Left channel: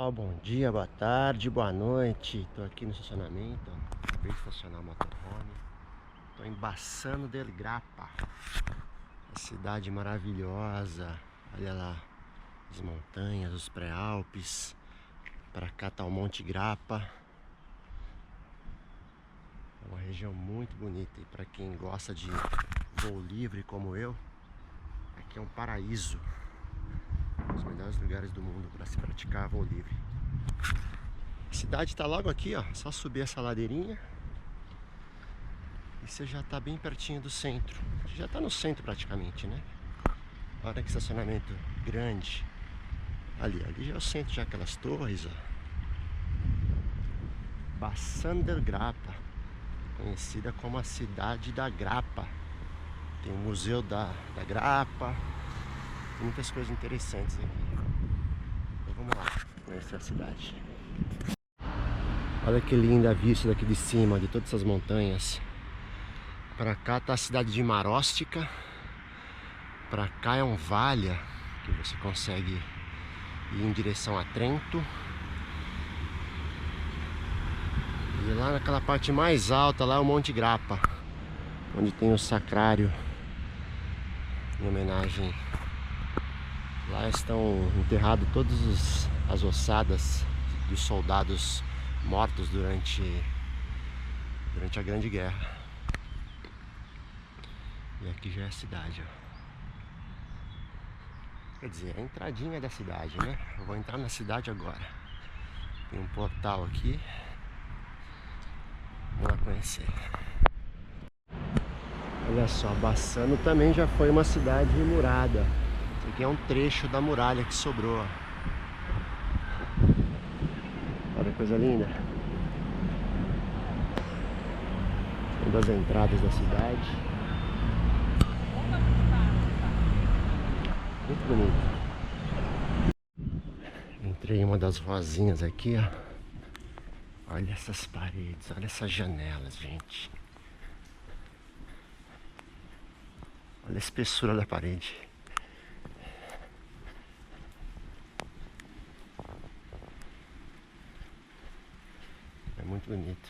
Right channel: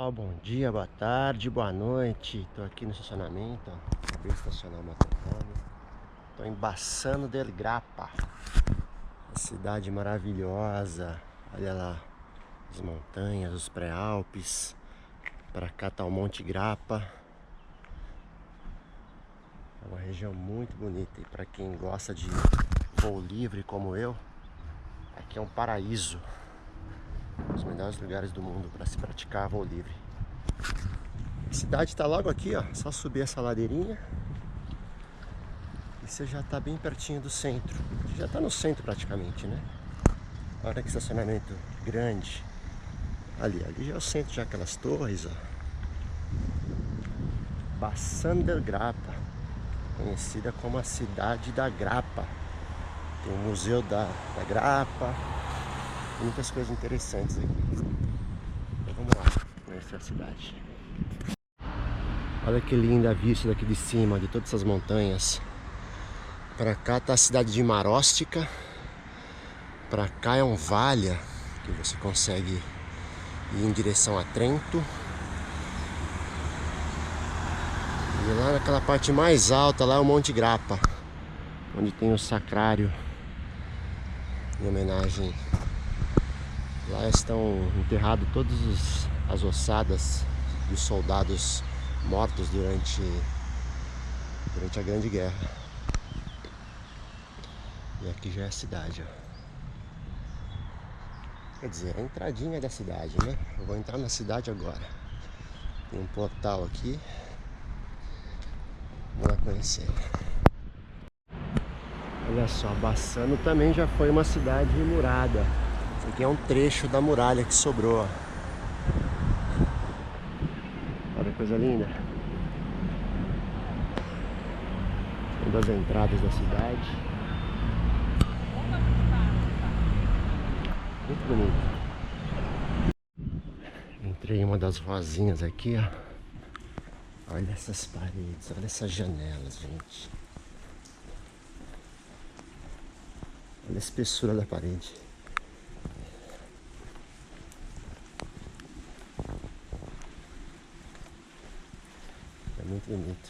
Ó, bom dia, boa tarde, boa noite. Tô aqui no estacionamento, ó. Acabei de estacionar o motorhome. Tô em Bassano del Grappa. Uma cidade maravilhosa. Olha lá, as montanhas, os pré-alpes. Pra cá tá o Monte Grappa. É uma região muito bonita. E pra quem gosta de voo livre como eu, aqui é um paraíso. Um dos melhores lugares do mundo para se praticar voo livre. A cidade está logo aqui, ó. Só subir essa ladeirinha e você já está bem pertinho do centro. Você já está no centro praticamente, né? Olha que estacionamento grande. Ali já é o centro, já aquelas torres, ó. Bassano del Grappa, conhecida como a cidade da grapa. Tem o museu da grapa. Muitas coisas interessantes aqui. Então vamos lá conhecer a cidade. Olha que linda a vista daqui de cima, de todas essas montanhas. Pra cá tá a cidade de Marostica. Pra cá é um vale que você consegue ir em direção a Trento. E lá naquela parte mais alta, lá é o Monte Grappa, onde tem o sacrário em homenagem. Lá estão enterrados todas as ossadas dos soldados mortos durante a Grande Guerra. E aqui já é a cidade, ó. Quer dizer, é a entradinha da cidade, né? Eu vou entrar na cidade agora. Tem um portal aqui. Vamos lá conhecer. Olha só, Bassano também já foi uma cidade murada. Isso aqui é um trecho da muralha que sobrou. Olha que coisa linda. Uma das entradas da cidade. Muito bonito. Entrei em uma das ruazinhas aqui, ó. Olha essas paredes, olha essas janelas, gente. Olha a espessura da parede. É muito bonito.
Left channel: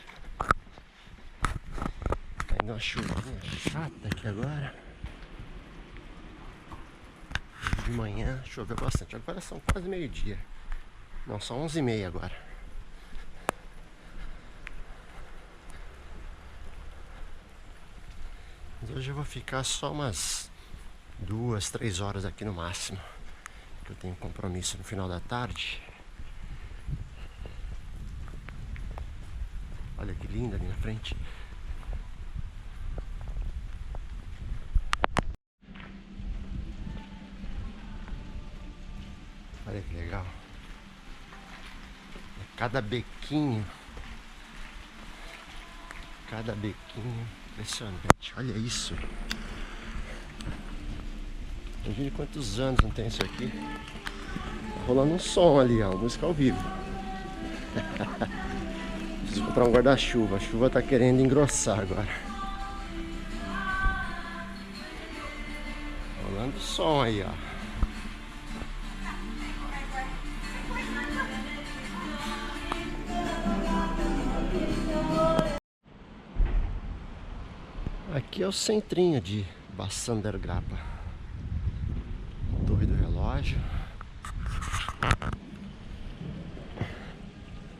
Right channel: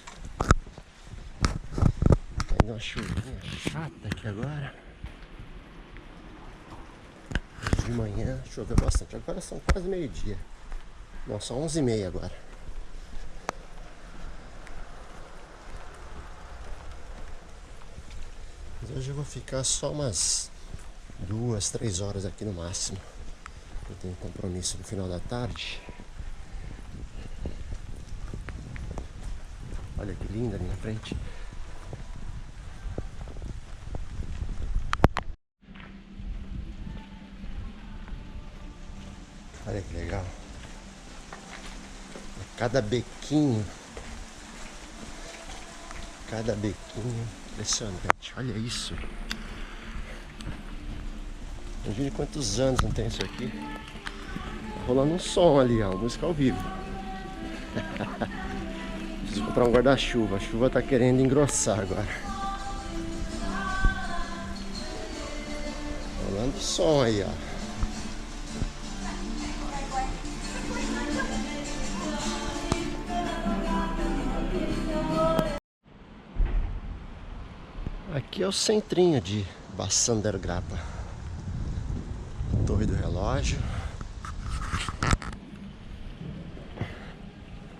Caindo uma chuvinha chata aqui agora. De manhã choveu bastante. Agora são quase meio-dia. Não, são 11h30 agora. Mas hoje eu vou ficar só umas 2, 3 horas aqui no máximo. Eu tenho compromisso no final da tarde. Olha que linda ali na frente. Olha que legal. Cada bequinho. Cada bequinho. Impressionante. Olha isso. Imagine quantos anos não tem isso aqui. Tá rolando um som ali, ó. Música ao vivo. Preciso comprar um guarda-chuva. A chuva tá querendo engrossar agora. Rolando som aí, ó. Aqui é o centrinho de Bassano del Grappa. Torre do relógio.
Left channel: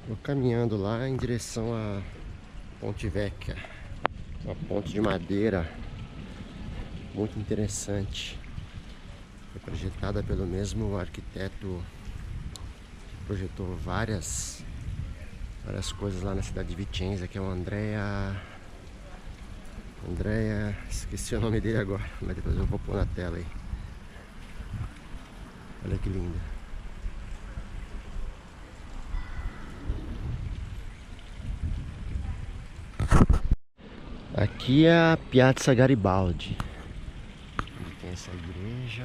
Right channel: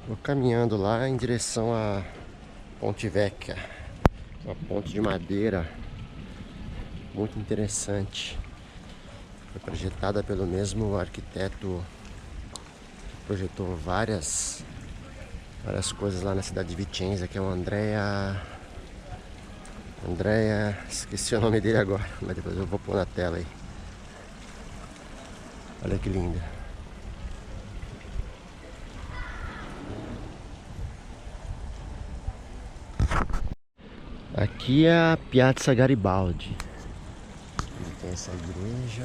Vou caminhando lá em direção a Ponte Vecchia, uma ponte de madeira muito interessante. Foi projetada pelo mesmo arquiteto que projetou várias coisas lá na cidade de Vicenza, que é o Andrea, esqueci o nome dele agora, mas depois eu vou pôr na tela aí. Olha que linda. Aqui é a Piazza Garibaldi, onde tem essa igreja,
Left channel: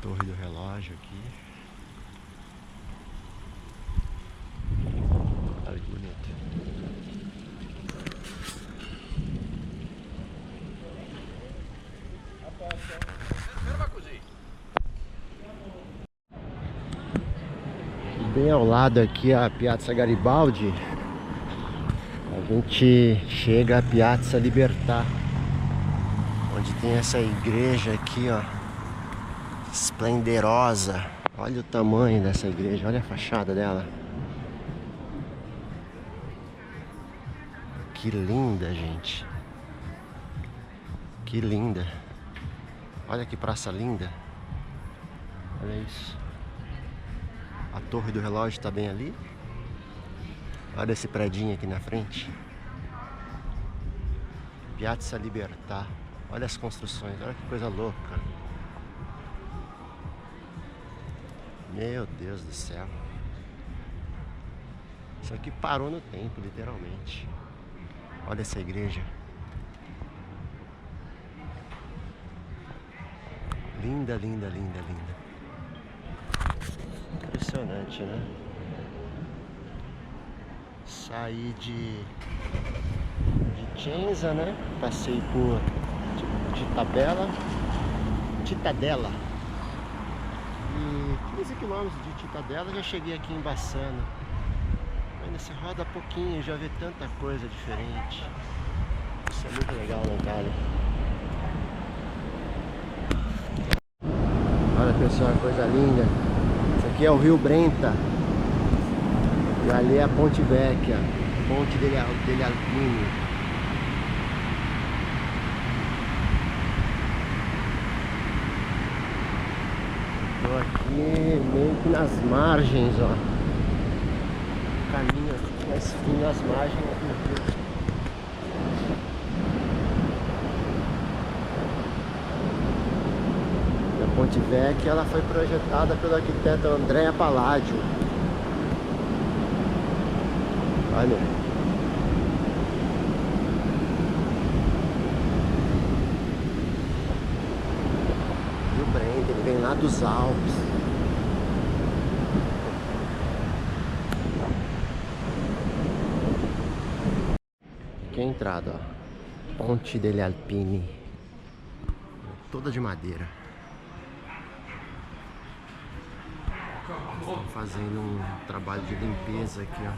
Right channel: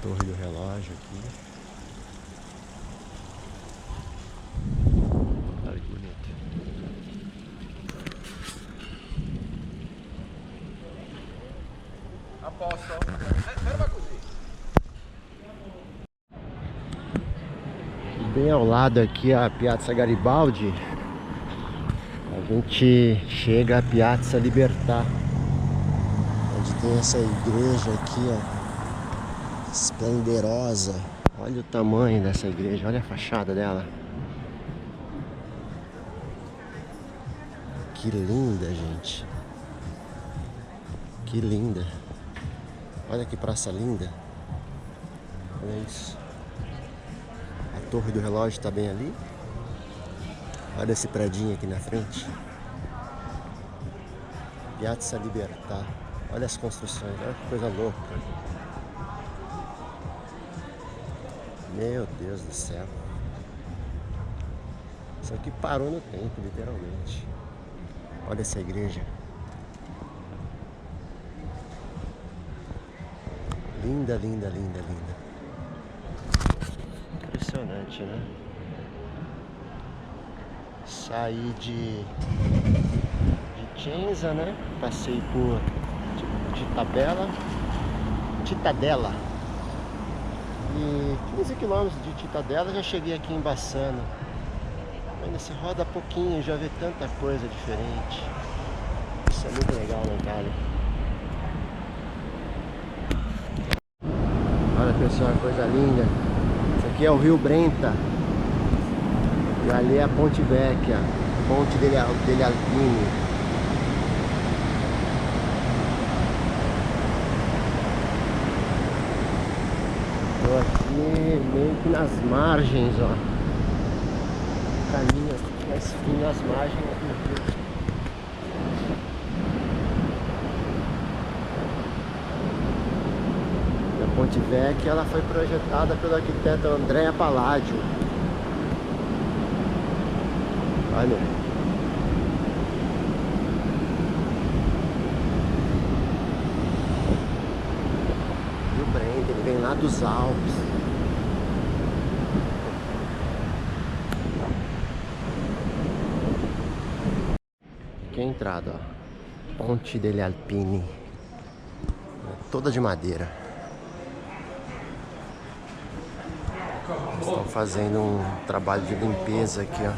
torre do relógio aqui. Olha que bonito. A posto? Ferma così. Bem ao lado aqui a Piazza Garibaldi, a gente chega a Piazza Libertà, onde tem essa igreja aqui, ó, esplendorosa. Olha o tamanho dessa igreja, olha a fachada dela. Que linda, gente. Que linda. Olha que praça linda. Olha isso. A torre do relógio está bem ali. Olha esse predinho aqui na frente. Piazza Libertà. Olha as construções, olha que coisa louca. Meu Deus do céu. Isso aqui parou no tempo, literalmente. Olha essa igreja. Linda, linda, linda, linda. Impressionante, né? Saí de Vicenza, né? Passei por Cittadella. E 15 km de Cittadella já cheguei aqui em Bassano. Ainda se roda pouquinho, já vê tanta coisa diferente. Isso é muito legal na Itália. Olha, pessoal, coisa linda. Isso aqui é o Rio Brenta. E ali é a Ponte Vecchia, Ponte degli Alpini. Tô aqui meio que nas margens, ó. O caminho aqui vai seguindo as margens do rio. A Ponte Vecchia, ela foi projetada pelo arquiteto Andrea Palladio. Olha. Rio Brenta, ele vem lá dos Alpes. Aqui é a entrada, ó. Ponte degli Alpini. Toda de madeira. Estão fazendo um trabalho de limpeza aqui, ó.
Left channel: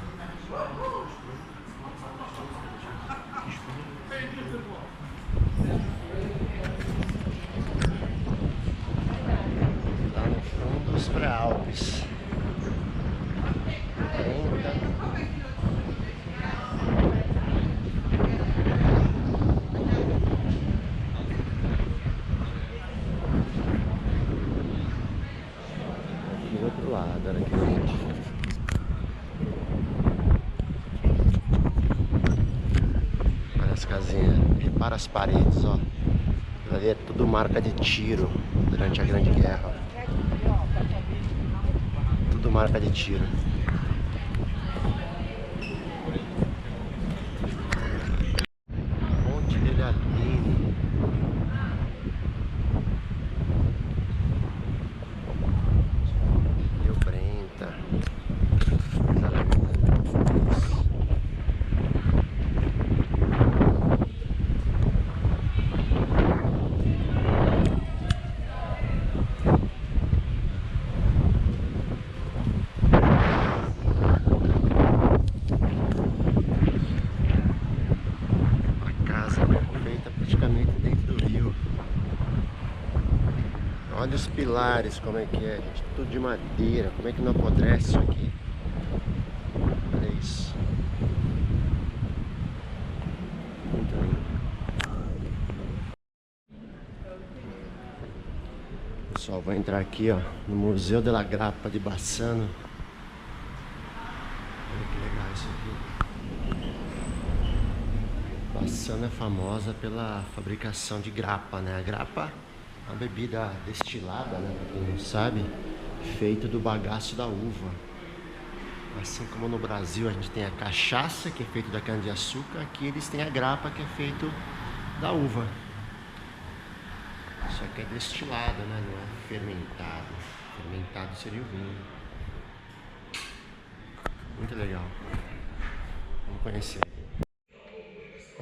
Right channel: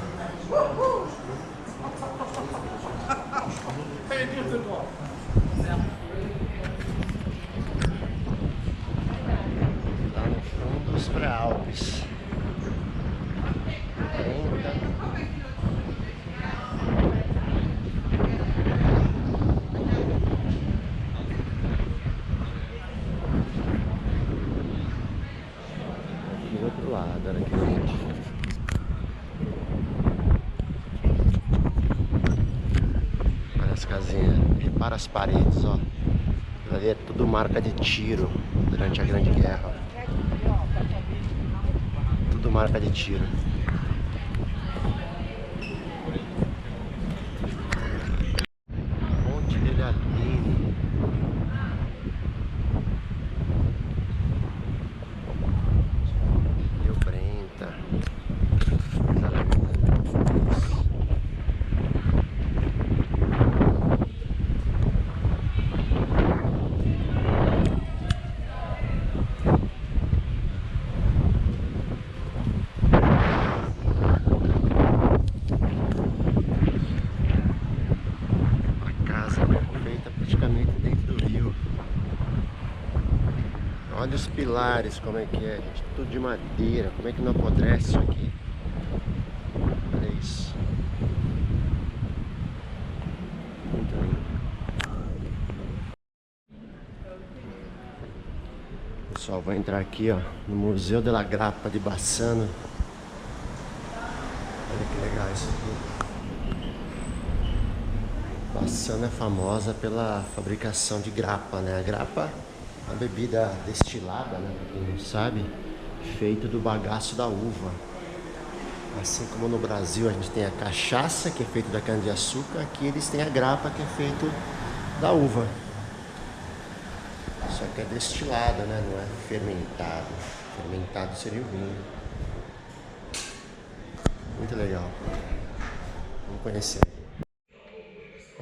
Lá no fundo dos pré-Alpes. Aqui do outro lado, olha que lindo. As casinhas, repara as paredes, ó. Ali é tudo marca de tiro durante a Grande Guerra. Tudo marca de tiro. Ponte degli Alpini. Rio Brenta. Olha os pilares, como é que é, gente. Tudo de madeira. Como é que não apodrece isso aqui? Olha isso. Muito lindo. Pessoal, vou entrar aqui, ó, no Museu della Grappa de Bassano. Olha que legal isso aqui. Bassano é famosa pela fabricação de grappa, né? A grappa é uma bebida destilada, né? Pra quem não sabe, feito do bagaço da uva. Assim como no Brasil a gente tem a cachaça, que é feita da cana-de-açúcar, aqui eles têm a grappa, que é feito da uva. Só que é destilado, né? Não é fermentado. Fermentado seria o vinho. Muito legal. Vamos conhecer.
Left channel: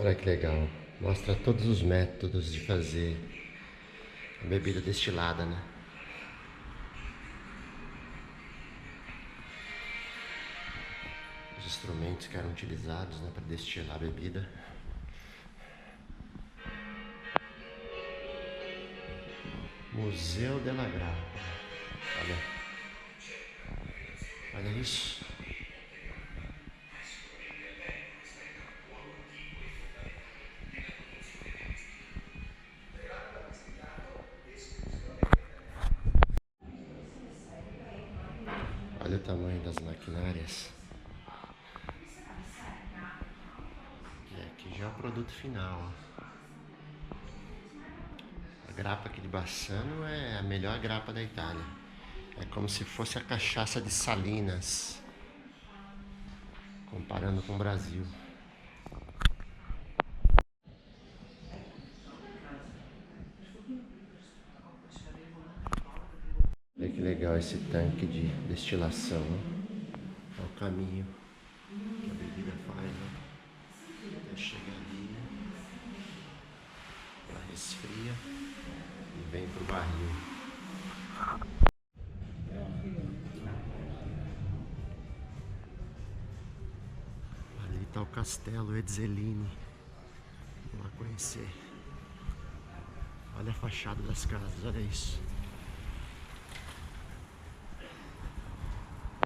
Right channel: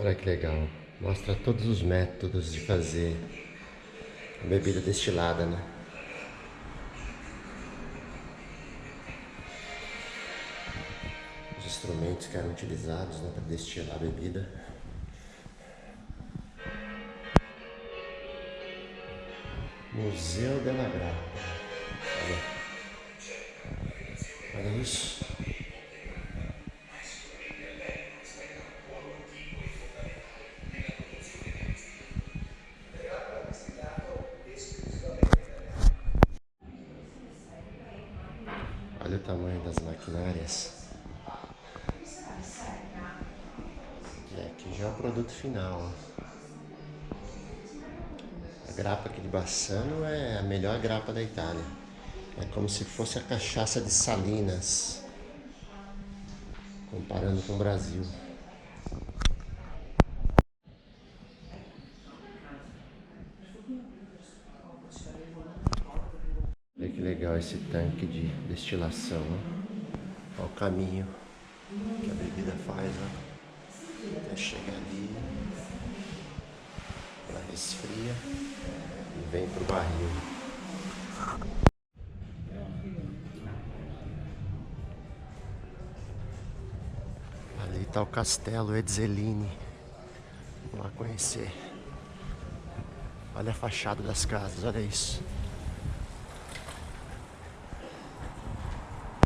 Olha que legal. Mostra todos os métodos de fazer a bebida destilada, né? instrumentos que eram utilizados, né, para destilar a bebida. Museu della Grappa. Olha isso. Olha o tamanho das maquinárias. E aqui já é o produto final. Ó. A grappa aqui de Bassano é a melhor grappa da Itália. É como se fosse a cachaça de Salinas, comparando com o Brasil. Olha que legal esse tanque de destilação. Ó. Olha o caminho que a bebida faz, ó. Até chegar ali, ela resfria e vem pro barril. Ali está o castelo Ezzelini. Vamos lá conhecer. Olha a fachada das casas, olha isso.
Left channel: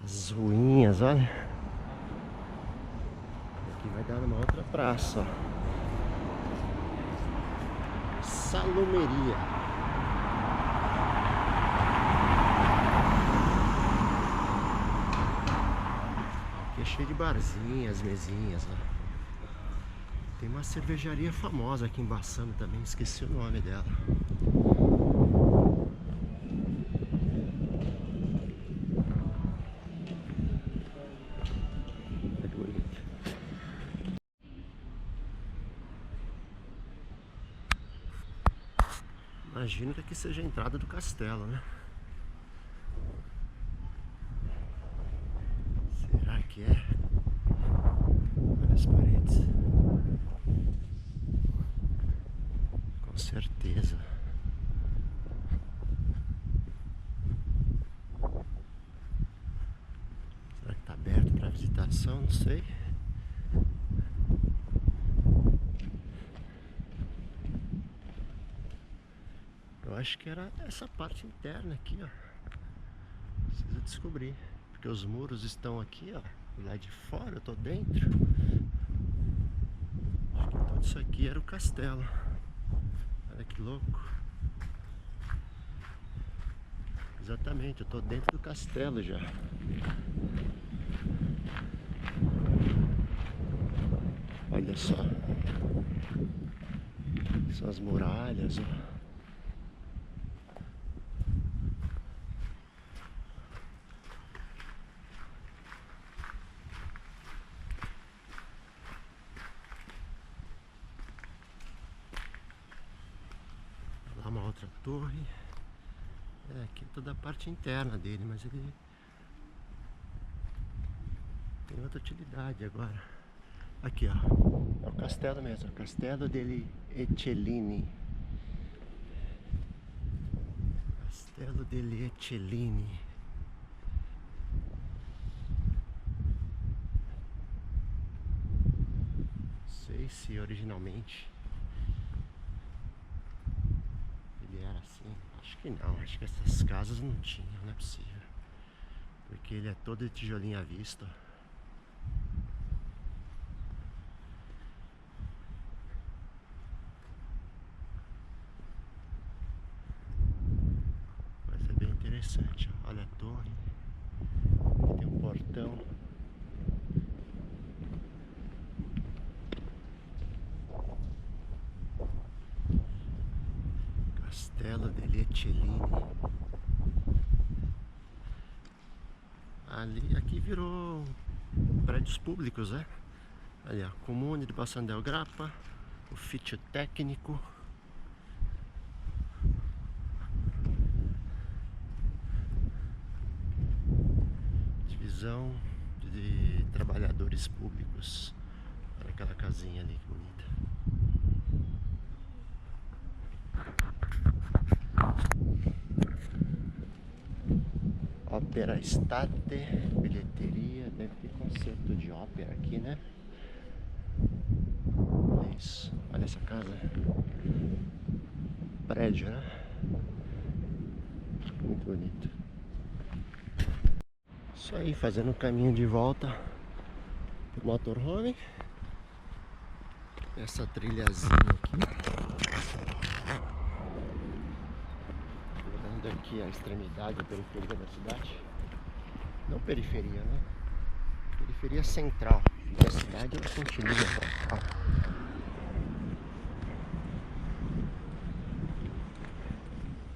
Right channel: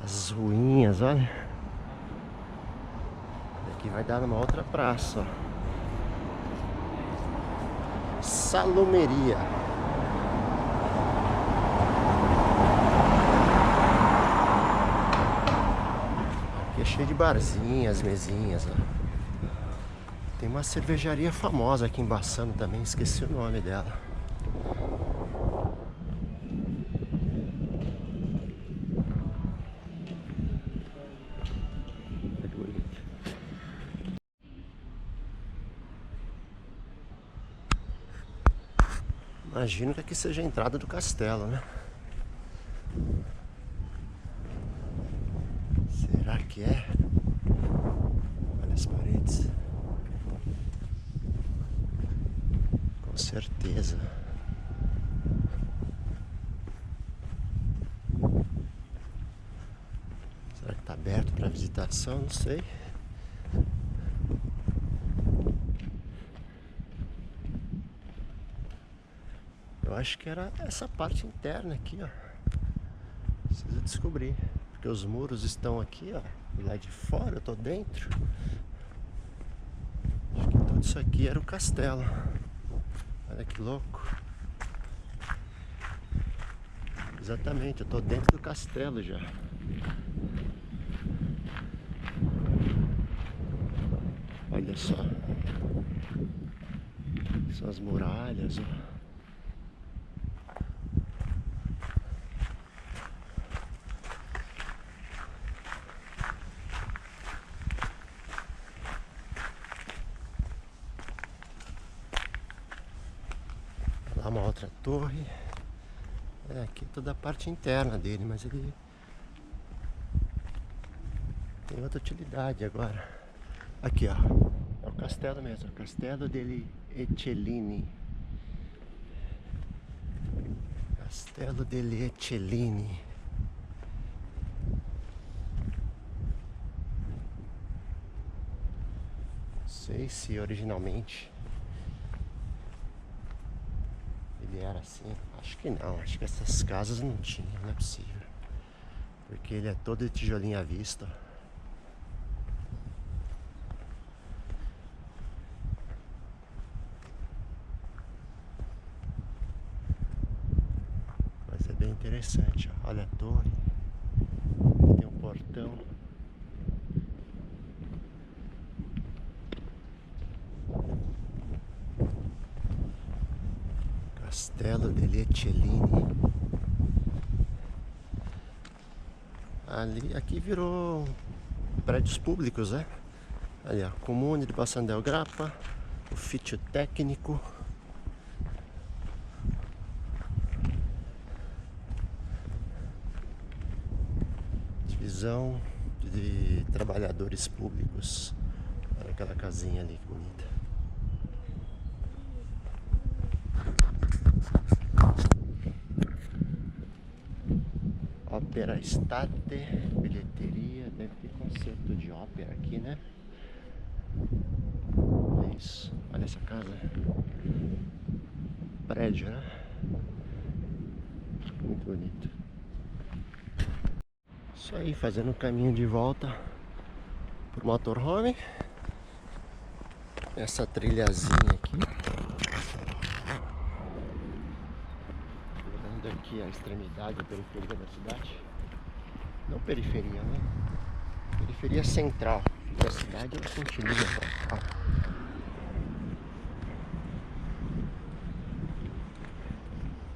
As ruínas, olha. Aqui vai dar numa outra praça, ó. Salumeria. Aqui é cheio de barzinhas, mesinhas, ó. Tem uma cervejaria famosa aqui em Bassano também, esqueci o nome dela. Imagino que aqui seja a entrada do castelo, né? Será que é? Olha as paredes. Com certeza. Será que está aberto para visitação? Não sei. Eu acho que era essa parte interna aqui, ó. Preciso descobrir. Porque os muros estão aqui, ó. Do lado de fora, eu tô dentro. Acho que tudo isso aqui era o castelo. Olha que louco. Exatamente, eu tô dentro do castelo já. Olha só. São as muralhas, ó. Lá uma outra torre. É, aqui toda a parte interna dele, mas ele tem outra utilidade agora. Aqui, ó. É o castelo mesmo, o Castelo degli Ezzelini. Castelo degli Ezzelini. Não sei se originalmente ele era assim. Acho que não, acho que essas casas não tinham, não é possível. Porque ele é todo de tijolinho à vista. Mas é bem interessante, ó. Olha a torre. Aqui tem um portão. Castelo degli Ezzelini. Ali, aqui virou prédios públicos, né? Ali, ó, Comune de Bassano del Grappa, Ufficio Tecnico. Divisão de trabalhadores públicos. Olha aquela casinha ali, que bonita. Ópera Estate, bilheteria, deve ter concerto de ópera. essa casa. Prédio, né? Muito bonito. Isso aí, fazendo um caminho de volta pro motorhome. Essa trilhazinha aqui. Olhando aqui a extremidade, a periferia da cidade. Não periferia, né? Periferia central. Fica a cidade, ela continua pra cá.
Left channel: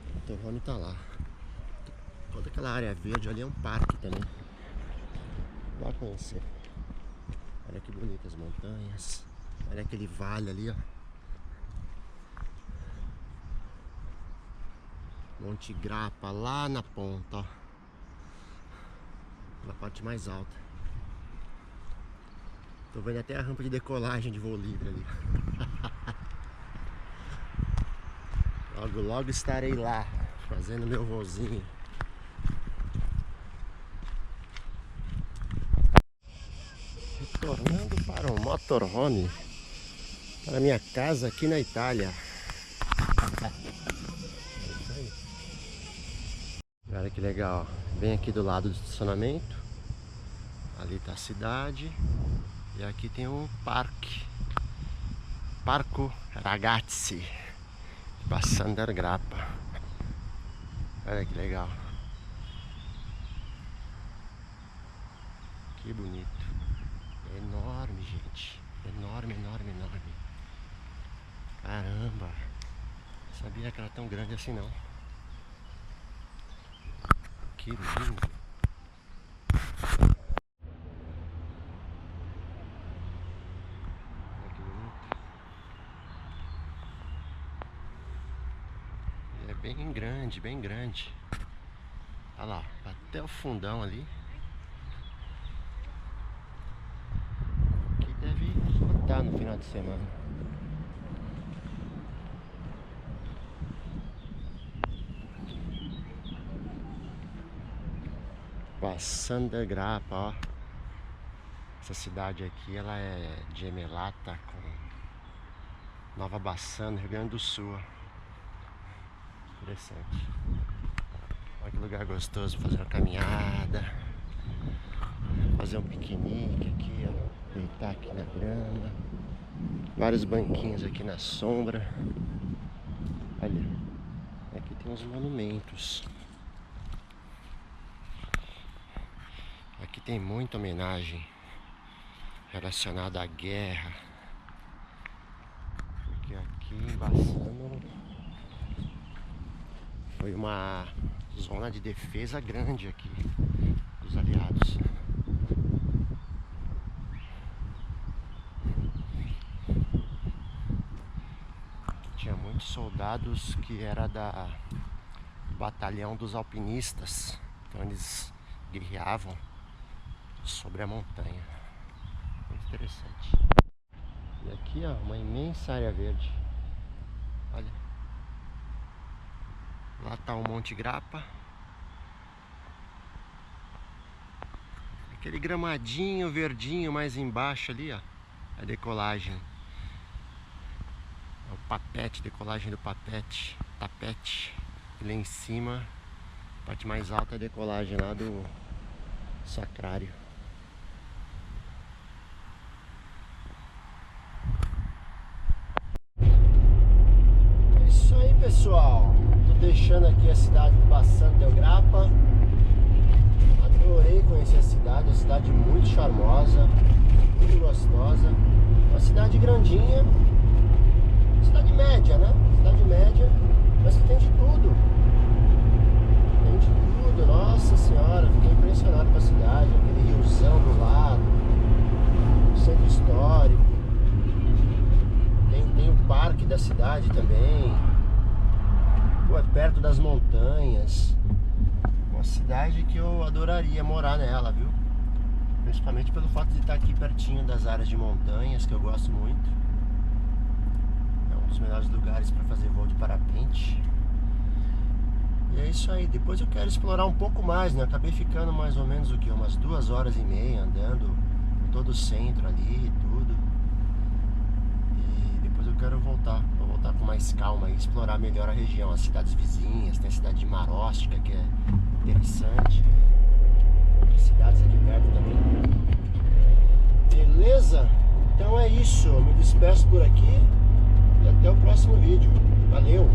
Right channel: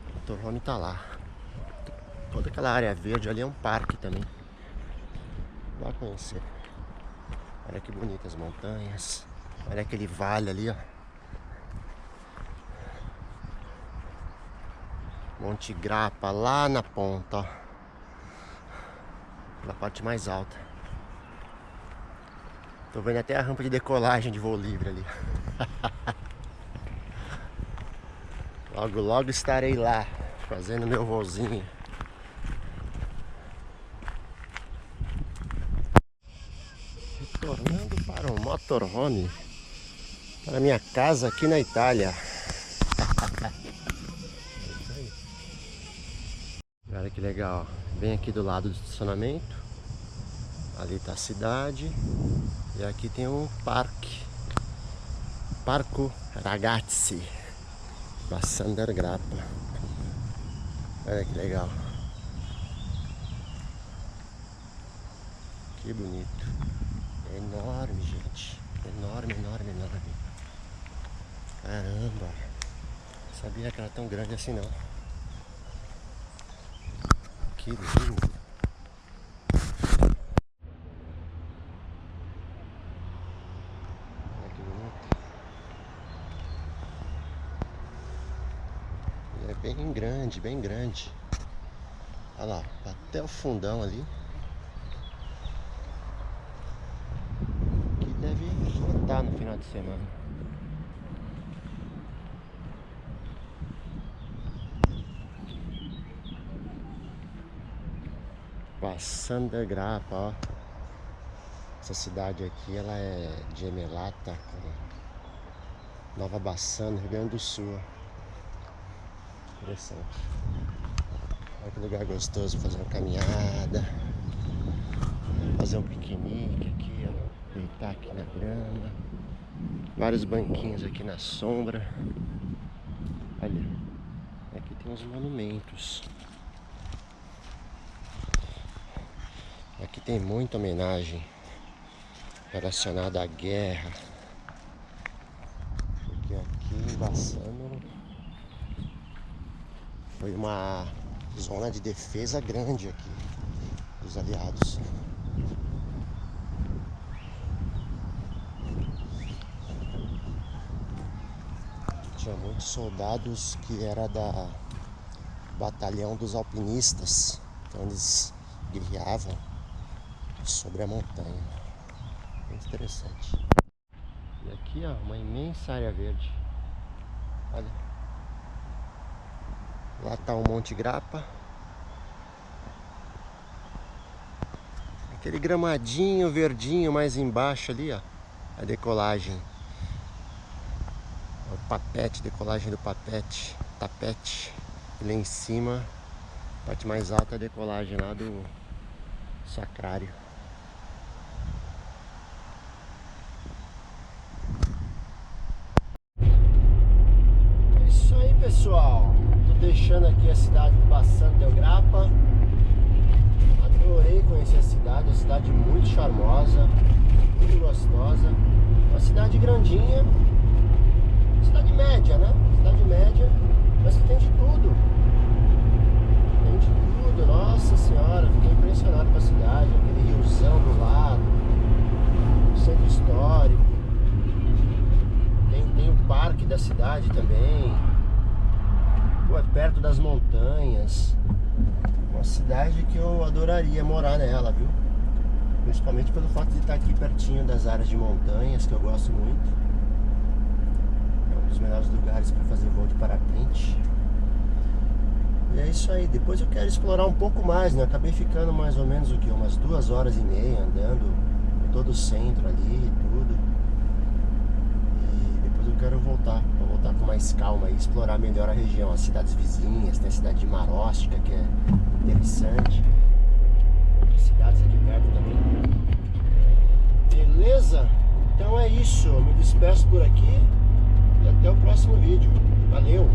O motorhome tá lá. Toda aquela área verde ali é um parque também. Vá conhecer. Olha que bonitas as montanhas. Olha aquele vale ali, ó. Monte Grappa lá na ponta, ó. Na parte mais alta. Tô vendo até a rampa de decolagem de voo livre ali. Logo, logo estarei lá, fazendo meu voozinho. Retornando para o motorhome, para minha casa aqui na Itália. Olha que legal, bem aqui do lado do estacionamento. Ali tá a cidade. E aqui tem um parque. Parco Ragazzi Bassano Grappa. Olha que legal. Que bonito. É enorme, gente. Enorme, enorme, enorme. Caramba. Não sabia que era tão grande assim não. Que lindo. Olha que bonito. E é bem grande, bem grande. Olha lá, até o fundão ali. Aqui deve lotar no final de semana. Bassano Grappa, ó. Essa cidade aqui, ela é gemelata com Nova Bassano, Rio Grande do Sul. Interessante. Olha que lugar gostoso pra fazer uma caminhada, fazer um piquenique aqui, ó. Deitar aqui na grama. Vários banquinhos aqui na sombra. Olha, aqui tem uns monumentos. Aqui tem muita homenagem relacionada à guerra, porque aqui em Bassano foi uma zona de defesa grande aqui dos aliados. Aqui tinha muitos soldados que era da batalhão dos alpinistas, então eles guerreavam sobre a montanha. Muito interessante. E aqui, ó, uma imensa área verde. Olha. Lá tá o Monte Grappa. Aquele gramadinho verdinho mais embaixo ali, ó. A decolagem. É o papete, decolagem do papete. Tapete. E lá em cima, a parte mais alta, a decolagem lá do sacrário. Pessoal, tô deixando aqui a cidade de Bassano Grappa. Adorei conhecer a cidade muito charmosa, muito gostosa. Uma cidade grandinha, cidade média, né? Cidade média, mas que tem de tudo. Tem de tudo, nossa senhora, fiquei impressionado com a cidade. Aquele riozão do lado, o centro histórico. Tem o parque da cidade também. É perto das montanhas. Uma cidade que eu adoraria morar nela, viu? Principalmente pelo fato de estar aqui pertinho das áreas de montanhas, que eu gosto muito. É um dos melhores lugares para fazer voo de parapente. E é isso aí. Depois eu quero explorar um pouco mais, né? Eu acabei ficando mais ou menos o que? Umas 2h30 andando por todo o centro ali e tudo. E depois eu quero voltar, pra voltar com mais calma e explorar melhor a região, as cidades vizinhas. Tem a cidade de Maróstica, que é interessante. Outras cidades aqui perto também. Beleza? Então é isso, eu me despeço por aqui e até o próximo vídeo. Valeu!